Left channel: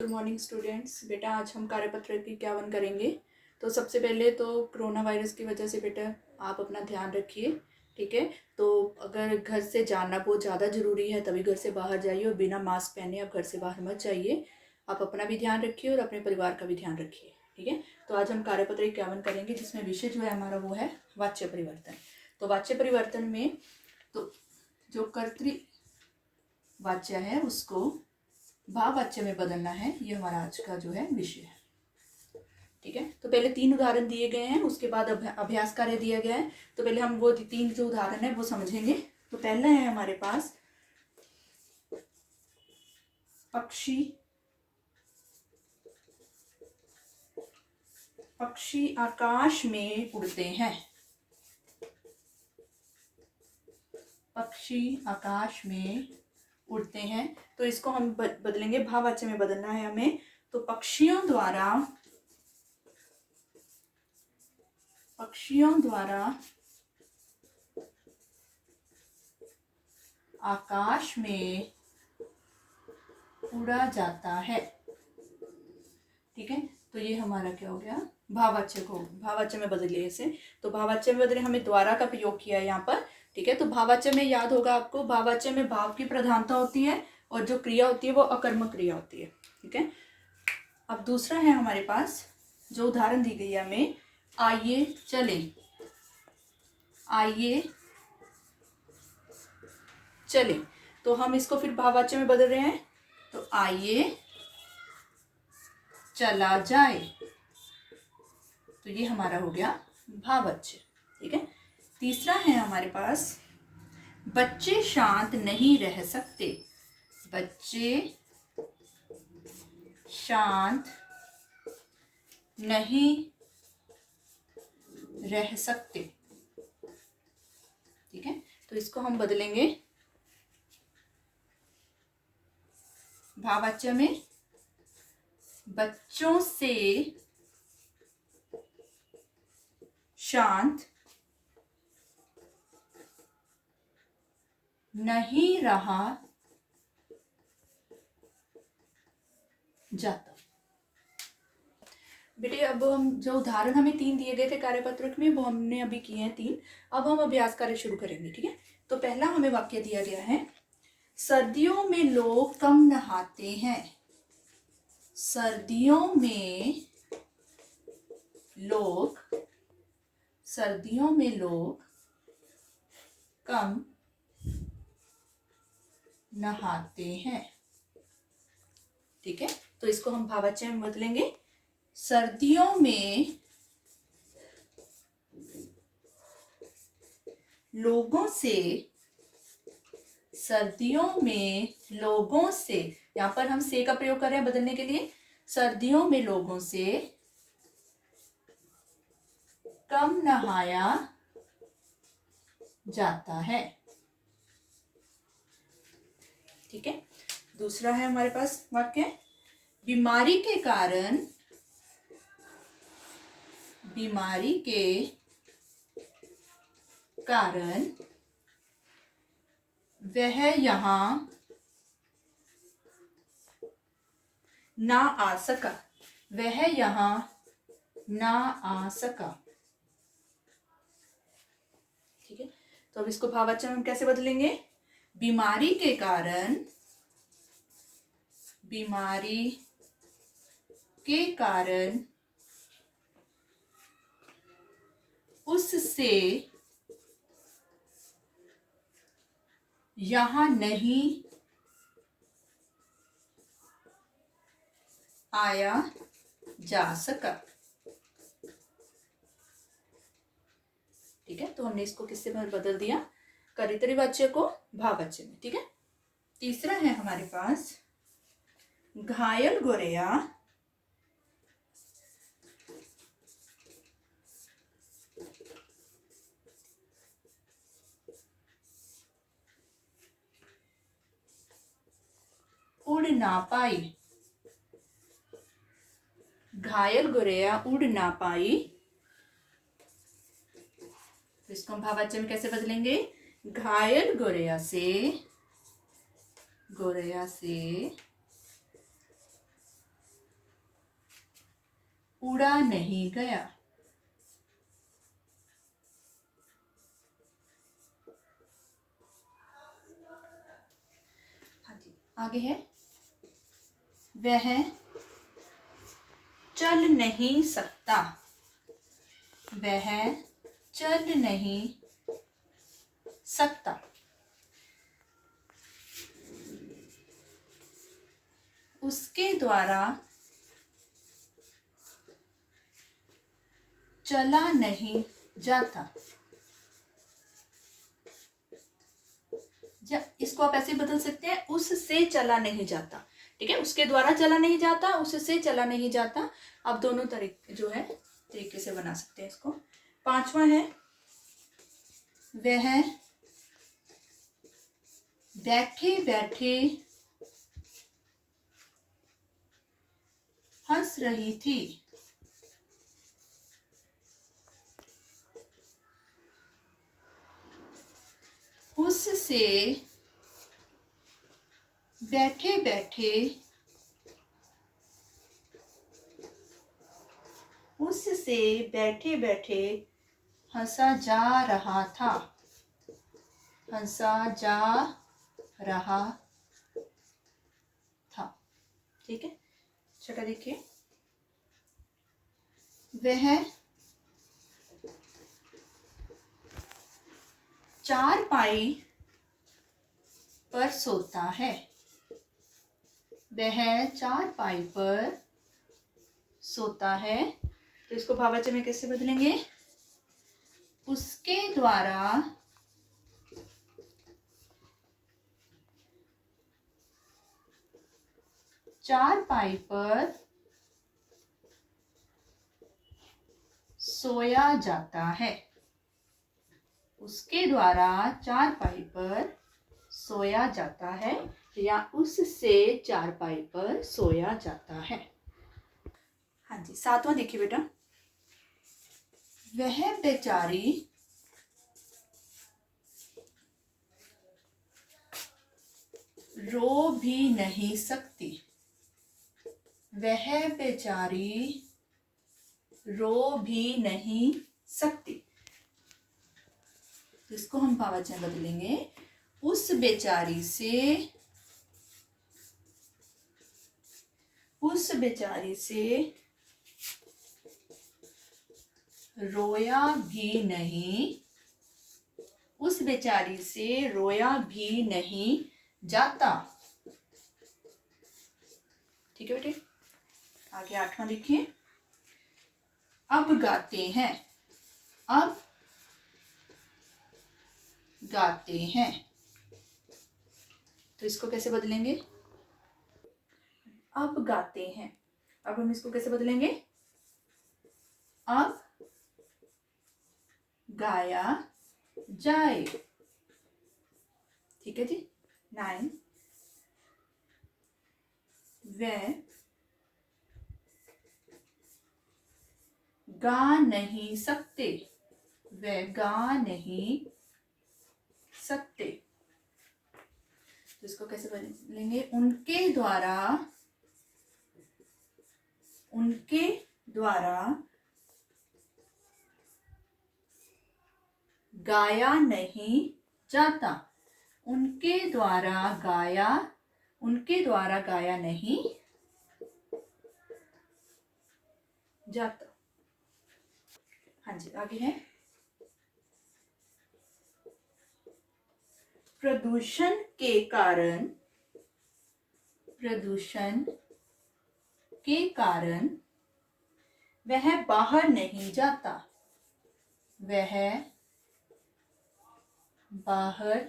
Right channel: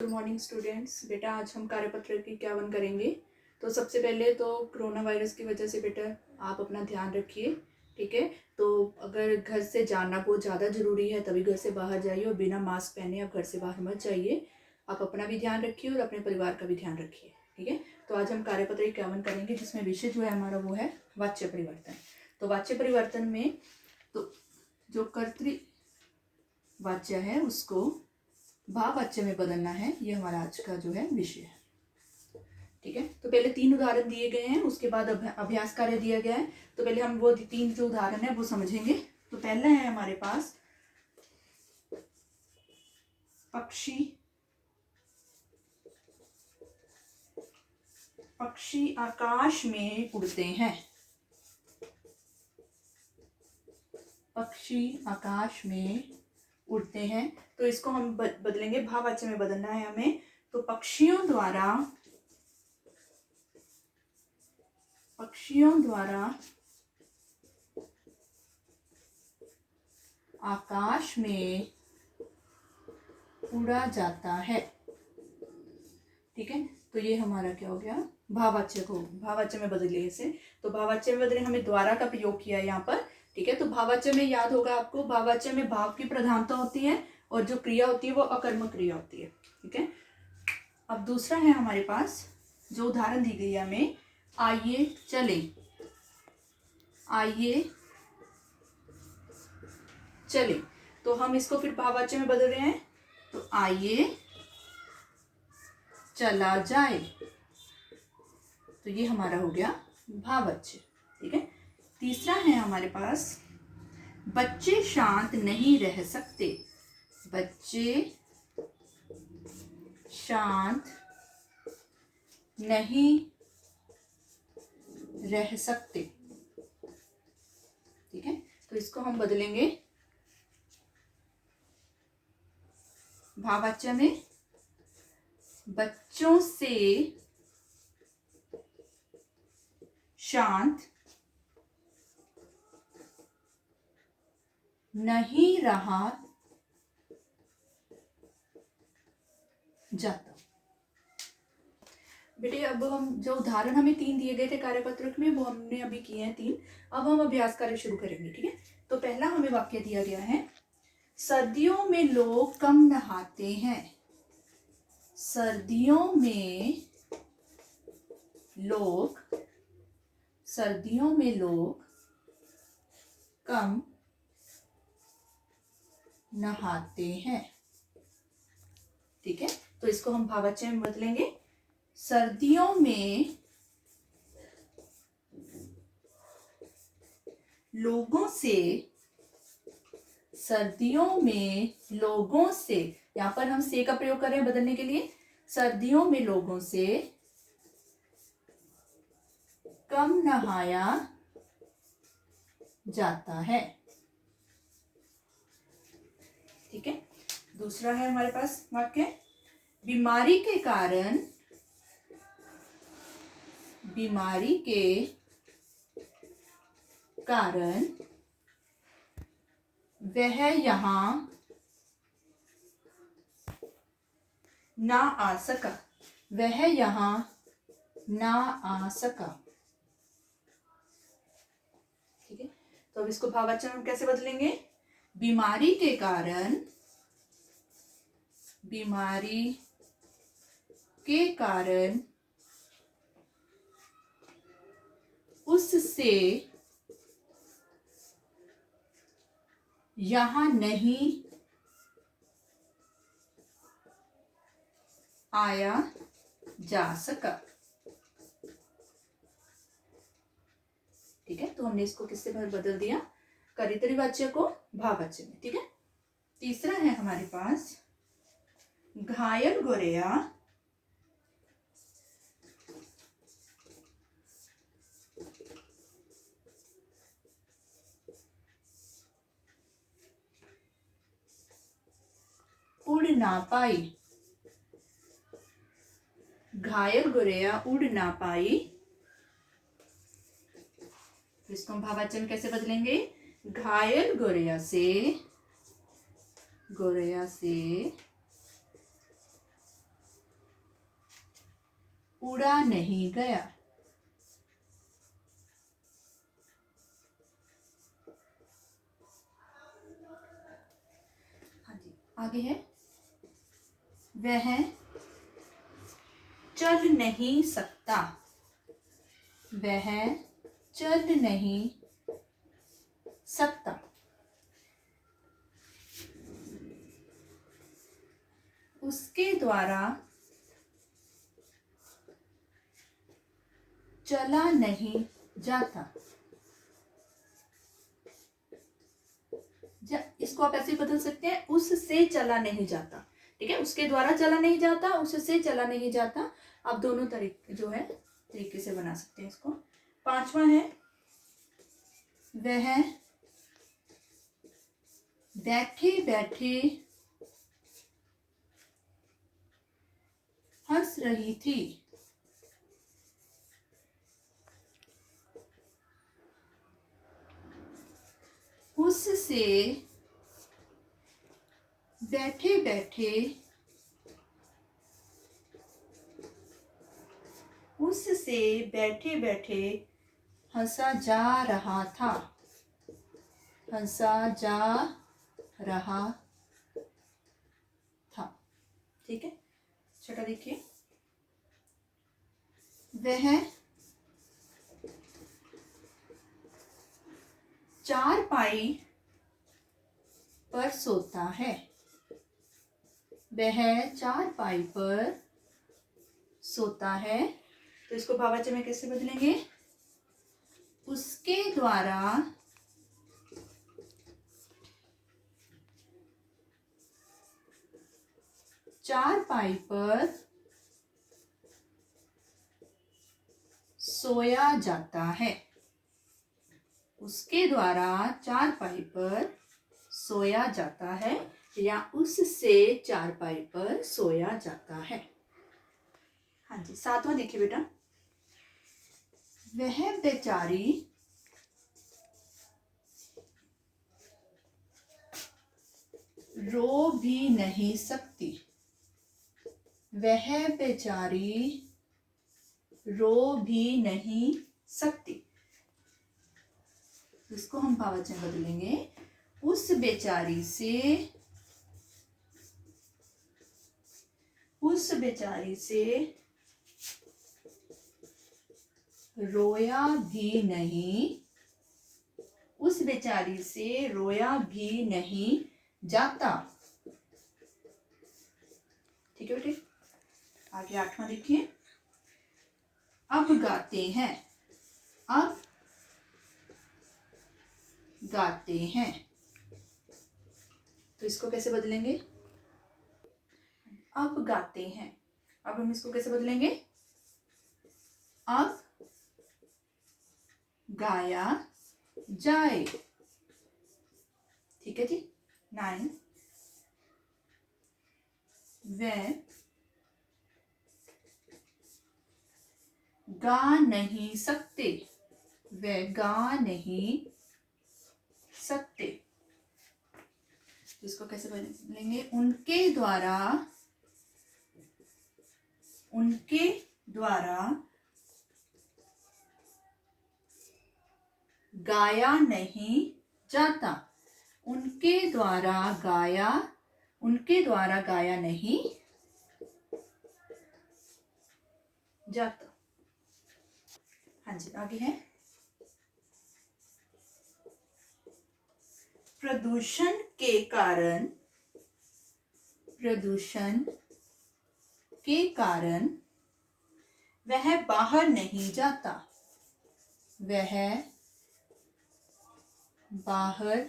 Good morning students. बेटा आज हम कार्यपत्र की इक्यावन करेंगे। तो सबसे पहले तो कोरोना वायरस की वजह से बेटा आप अपना ध्यान रखिए, ठीक है। तो अगर घर से जाना बहुत ज़्यादा ज़रूरी है तभी घर से बाहर जाइए और बिना मास्क पहने आप घर से बाहर मत जाइए। आप अपना भी ध्यान रखिए और अपने परिवार का भी ध्यान रखिए, ठीक है। तो आज हम कार्यपत्र इक्यावन करेंगे जिसमें विषय जो है हमारा वो है वाच्य परिवर्तन। तो वाच्य परिवर्तन में तो जो कर्तृवाच्य है उसको भाववाच्य में बदलना है, ये हमारा आज का जो है विषय है, ठीक है। तो पहले 3 उदाहरण दिए गए हैं, उसके बाद अभ्यास कार्य दिया गया है। तो पहले हम वो 3 जो उदाहरण है वो समझेंगे। तो पहला है हमारे पास पक्षी आकाश में उड़ते हैं। पक्षी आकाश में उड़ते हैं, तो इसको हम बदलेंगे, भाववाच्य में बदलना है हमें। तो पक्षियों द्वारा आकाश में उड़ा जाता है, ठीक है। तो ये हमारा क्या हो गया, भाववाच्य को भाववाच्य में बदलिए इसे। तो भाववाच्य में बदले हमें द्वारा का प्रयोग किया है यहाँ पर, ठीक है। तो भाववाच्य में याद होगा आपको, भाववाच्य में भाव की प्रधानता होती है और जो क्रिया होती है वो अकर्मक क्रिया होती है, ठीक है। अब दूसरा है हमारे पास जो उदाहरण दी गई है हमें, आइए चले। तो हम इसको फिर भाववाच्य में बदल रहे हैं। तो आइए चला जाए, तो ये हमारा हो गया भाववाच्य, ठीक है। तीसरा है हमारे पास बच्चे शांत नहीं रह सकते। बच्चे शांत नहीं रह सकते, ठीक है। तो इसको हम बदलेंगे भाववाच्य में, बच्चों से शांत नहीं रहा जाता। बेटे अब हम जो उदाहरण हमें 3 दिए गए थे कार्यपत्रक में वो हमने अभी किए हैं 3। अब हम अभ्यास कार्य शुरू करेंगे, ठीक है। तो पहला हमें वाक्य दिया गया है, सर्दियों में लोग कम नहाते हैं। सर्दियों में लोग कम नहाते हैं, ठीक है। तो इसको हम भाववाच्य में बदलेंगे, सर्दियों में लोगों से, यहां पर हम से का प्रयोग कर रहे हैं बदलने के लिए, सर्दियों में लोगों से कम नहाया जाता है, ठीक है। दूसरा है हमारे पास वाक्य, बीमारी के कारण वह यहां ना आ सका। ठीक है। तो अब इसको भाववाच्य में हम कैसे बदलेंगे, बीमारी के कारण उससे यहां नहीं आया जा सका, ठीक है। तो हमने इसको किससे बदल दिया, कर्तृवाच्य को भाववाच्य में, ठीक है। तीसरा है हमारे पास, घायल गोरैया उड़ ना पाई। घायल गोरैया उड़ ना पाई, इसको हम भाववाच्य में कैसे बदलेंगे, घायल गोरैया से उड़ा नहीं गया। हाँ जी, आगे है वह चल नहीं सकता। वह चल नहीं सकता। उसके द्वारा चला नहीं जाता। इसको आप ऐसे बदल सकते हैं, उससे चला नहीं जाता। ठीक है, उसके द्वारा चला नहीं जाता, उससे चला नहीं जाता। आप दोनों तरीके जो है तरीके से बना सकते हैं इसको। पांचवा है वह बैठे बैठे हंस रही थी। उससे बैठे बैठे उससे बैठे बैठे हंसा जा रहा था। हंसा जा रहा था। ठीक है, छठा देखिए वह चारपाई पर सोता है। वह चारपाई पर सोता है। तो इसको भाववाचक में कैसे बदलेंगे? उसके द्वारा चारपाई पर सोया जाता है। उसके द्वारा चारपाई पर सोया जाता है या उससे चारपाई पर सोया जाता है। हाँ जी, सातवां देखिए बेटा। वह बेचारी रो भी नहीं सकती। वह बेचारी रो भी नहीं सकती। इसको हम भाववाचक बदलेंगे। उस बेचारी से रोया भी नहीं, उस बेचारी से रोया भी नहीं जाता। ठीक है बेटे, आगे आठवां देखिए। अब गाते हैं। अब गाते हैं। तो इसको कैसे बदलेंगे? अब गाते हैं। अब हम इसको कैसे बदलेंगे? अब गाया जाए। ठीक है जी। 9 वे गा नहीं सकते। वे गा नहीं सकते। तो इसको कैसे बदलेंगे? उनके द्वारा गाया नहीं जाता। उनके द्वारा गाया नहीं जाता। हाँ जी, आगे है प्रदूषण के कारण वह बाहर नहीं जाता। वह बाहर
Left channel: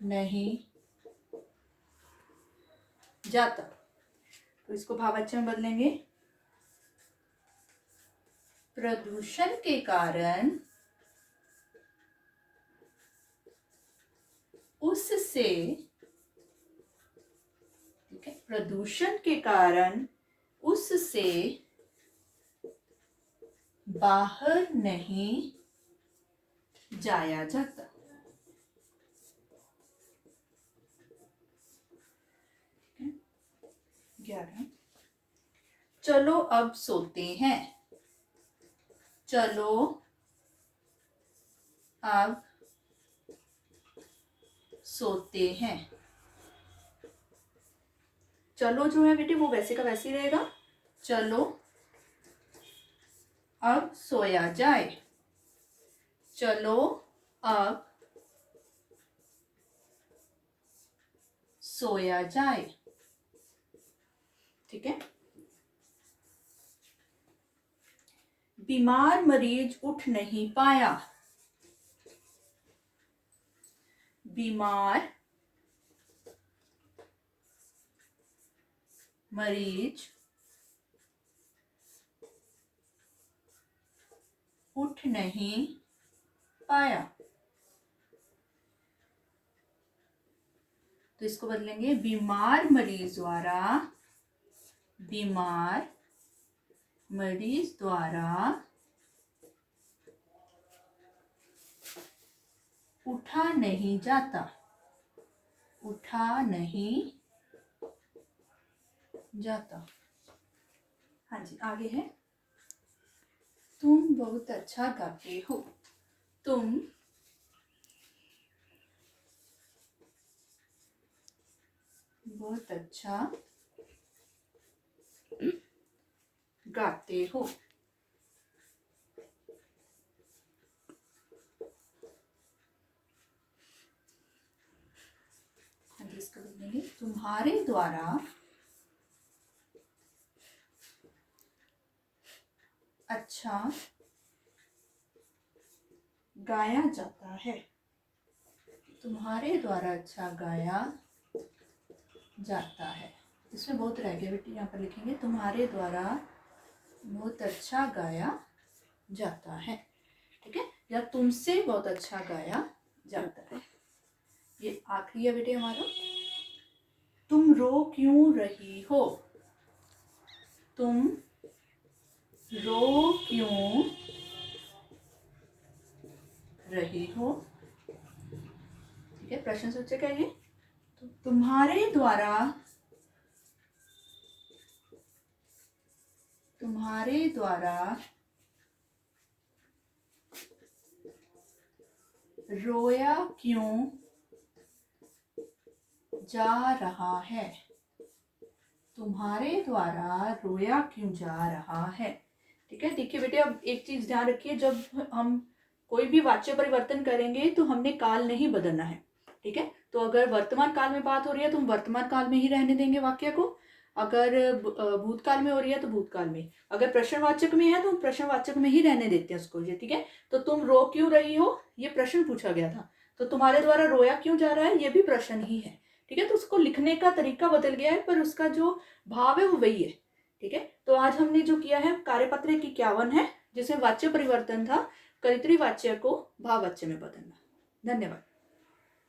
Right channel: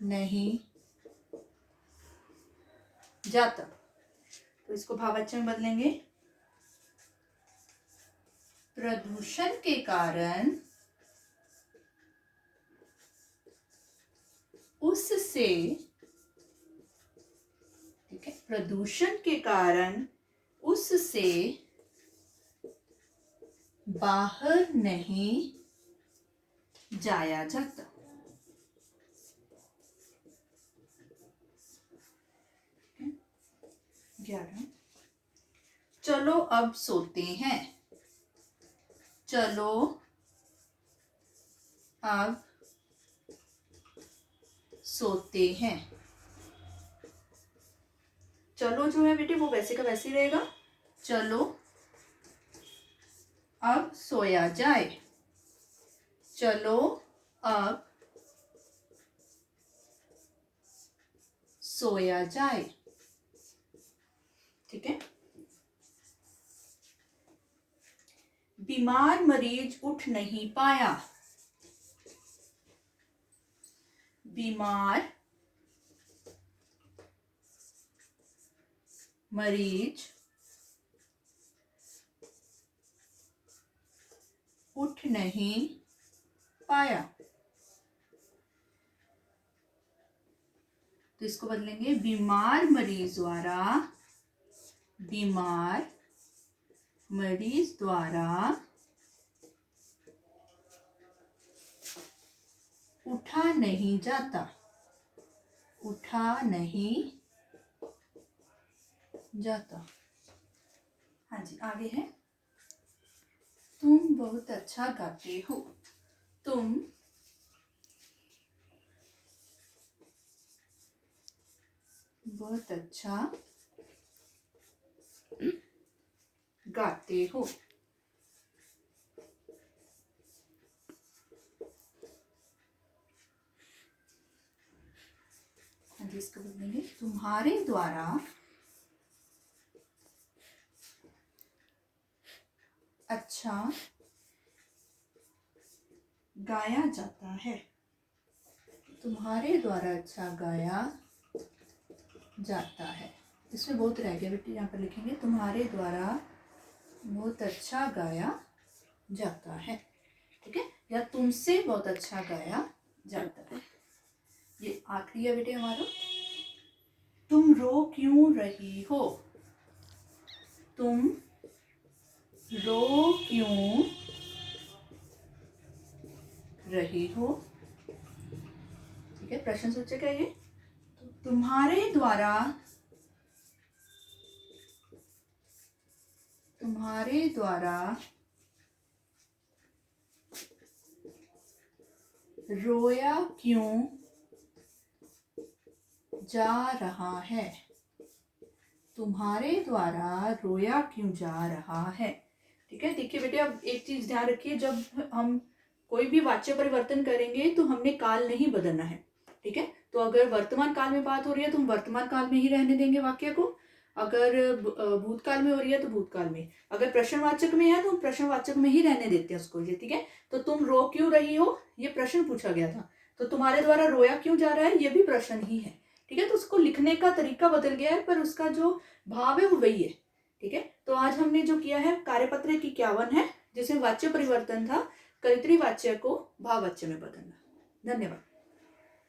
नहीं जाता। तो इसको भाववाचक में बदलेंगे। प्रदूषण के कारण उससे, ठीक है, प्रदूषण के कारण उससे बाहर नहीं जाया जाता। 11 चलो अब सोते हैं। चलो अब सोते हैं। चलो जो है बेटे वो वैसे का वैसे ही रहेगा। चलो अब सोया जाए। चलो अब सोया जाए। ठीक है। बीमार मरीज उठ नहीं पाया। बीमार मरीज उठ नहीं पाया। तो इसको बदलेंगे, बीमार मरीज द्वारा उठा नहीं जाता। उठा नहीं जाता। हाँ जी, आगे है, तुम बहुत अच्छा गाते हो। तुम बहुत अच्छा गाते हो। हाँ जी, इसको बोलेंगे, तुम्हारे द्वारा अच्छा गाया जाता है। तुम्हारे द्वारा अच्छा गाया जाता है। इसमें बहुत रह गया बेटी, यहाँ पर लिखेंगे तुम्हारे द्वारा बहुत अच्छा गाया जाता है। ठीक है, या तुमसे बहुत अच्छा गाया जाता है। ये आखिरी है बेटे हमारा, तुम रो क्यों रही हो। तुम रो क्यों रही हो। ठीक है, प्रश्न सूचक है ये। तुम्हारे द्वारा रोया क्यों जा रहा है। तुम्हारे द्वारा रोया क्यों जा रहा है। ठीक है, देखिए बेटे, अब एक चीज ध्यान रखिए, जब हम कोई भी वाच्य परिवर्तन करेंगे तो हमने काल नहीं बदलना है। ठीक है, तो अगर वर्तमान काल में बात हो रही है तो हम वर्तमान काल में ही रहने देंगे वाक्य को। अगर भूतकाल में हो रही है तो भूतकाल में, अगर प्रश्नवाचक में है तो हम प्रश्नवाचक में ही रहने देते हैं उसको। ये ठीक है, तो तुम रो क्यों रही हो, ये प्रश्न पूछा गया था। तो तुम्हारे द्वारा रोया क्यों जा रहा है, ये भी प्रश्न ही है। ठीक है, तो उसको लिखने का तरीका बदल गया है, पर उसका जो भाव है वो वही है। ठीक है, तो आज हमने जो किया है कार्यपत्र की 51 है, जिसमें वाच्य परिवर्तन था कर्तरी वाच्य को भाववाच्य में बदलना। धन्यवाद।